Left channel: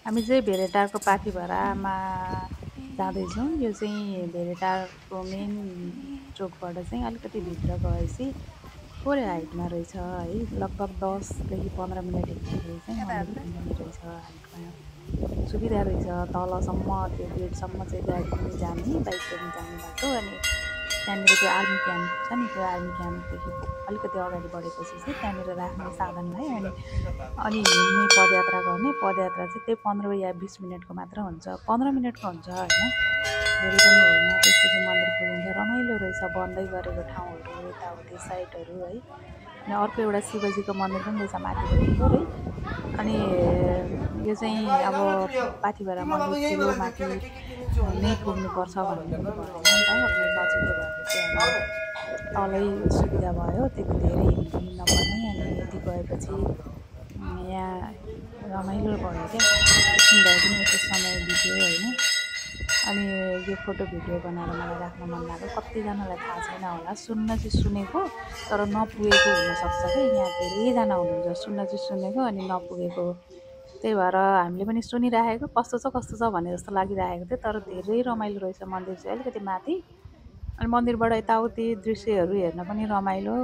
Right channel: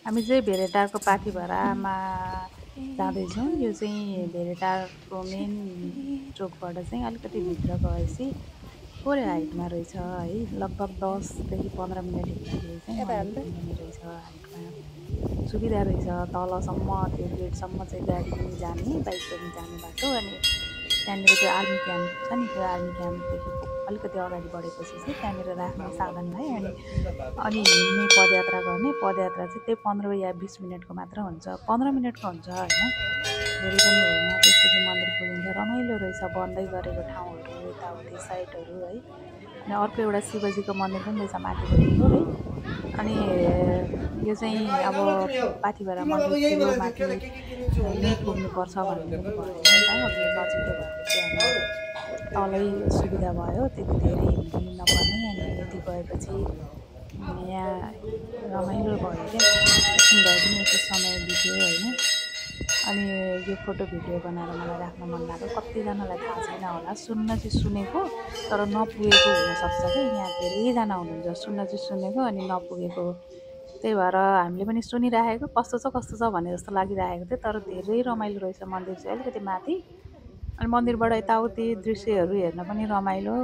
हामी चाहिँ भेरेटारको पाथिभरामा जाँदैछौँ। यो चाहिँ भेरेटारको मेन चोकबाट चाहिँ अलिकति भित्र गएपछि थोरै हाइटमा रहेछ है। लगभग 10 देखि 15 मिनट हिँड्दाखेरि चाहिँ मन्दिर पुगिने रहेछ हाइटमा। सुविधा रहेछ, तलसम्म त्यो गेटसम्म चाहिँ गाडी पनि जाने, बाइक पनि जाने बाटो। अनि त्यहाँनिर त्यो आर्मी क्याम्प छ नि, त्यो आर्मी क्याम्पदेखि अलिकति अगाडि बढेपछि चाहिँ त्यहाँनिर राख्ने साधनलाई अनि हिँड्ने पदयात्रा गर्ने। पदयात्रा चाहिँ त्यही 15 या 20 मिनटको मात्र हुन्छ, 15 मिनटको हुन्छ होइन, धेरै पनि होइन। त्यसपछि मन्दिर पुगिन्छ। रमाइलो रहेछ, बन्दै गरेको ठाउँहरू यताउति साइडहरू है। अनि अर्को एउटा शिवजीको मन्दिर पनि रहेछ माथिपट्टि थोरै। अनि यो चाहिँ अब पाथिभरा मन्दिर ठुलो माथि नै पुग्नुपर्छ भन्ने पनि भएन नि त। अब यो नजिकै भएपछि हामीलाई तलै सुविधा भयो, त्यति धेरै हिँड्नु पनि नपर्ने। अनि यति गएपछि यहाँ रमाइलो भयो क्या, एकछिन भए पनि यसो समय बित्यो होइन। अनि यो फोटो भिडियो बनाएर मलाई राख्न मन लाग्यो। कतिजनालाई थाहा छैन होला, सुन्न चाहिँ सुनेको तर नपुगेको हुनसक्छ क्या। यहाँ धेरैजना हुनुहुन्छ सुन्न चाहिँ सुनेको अनि नपुगेको। त्यही भएर हामीले पनि सुनिराखेको कस्तो छ भने जस्तो लागिरहेको थियो। तर धेरै रमाइलो रहेछ मन्दिर चाहिँ, अलिकति माथि। अनि मन्दिरबाट यताउति दृश्यहरू हेर्न पनि रमाइलो।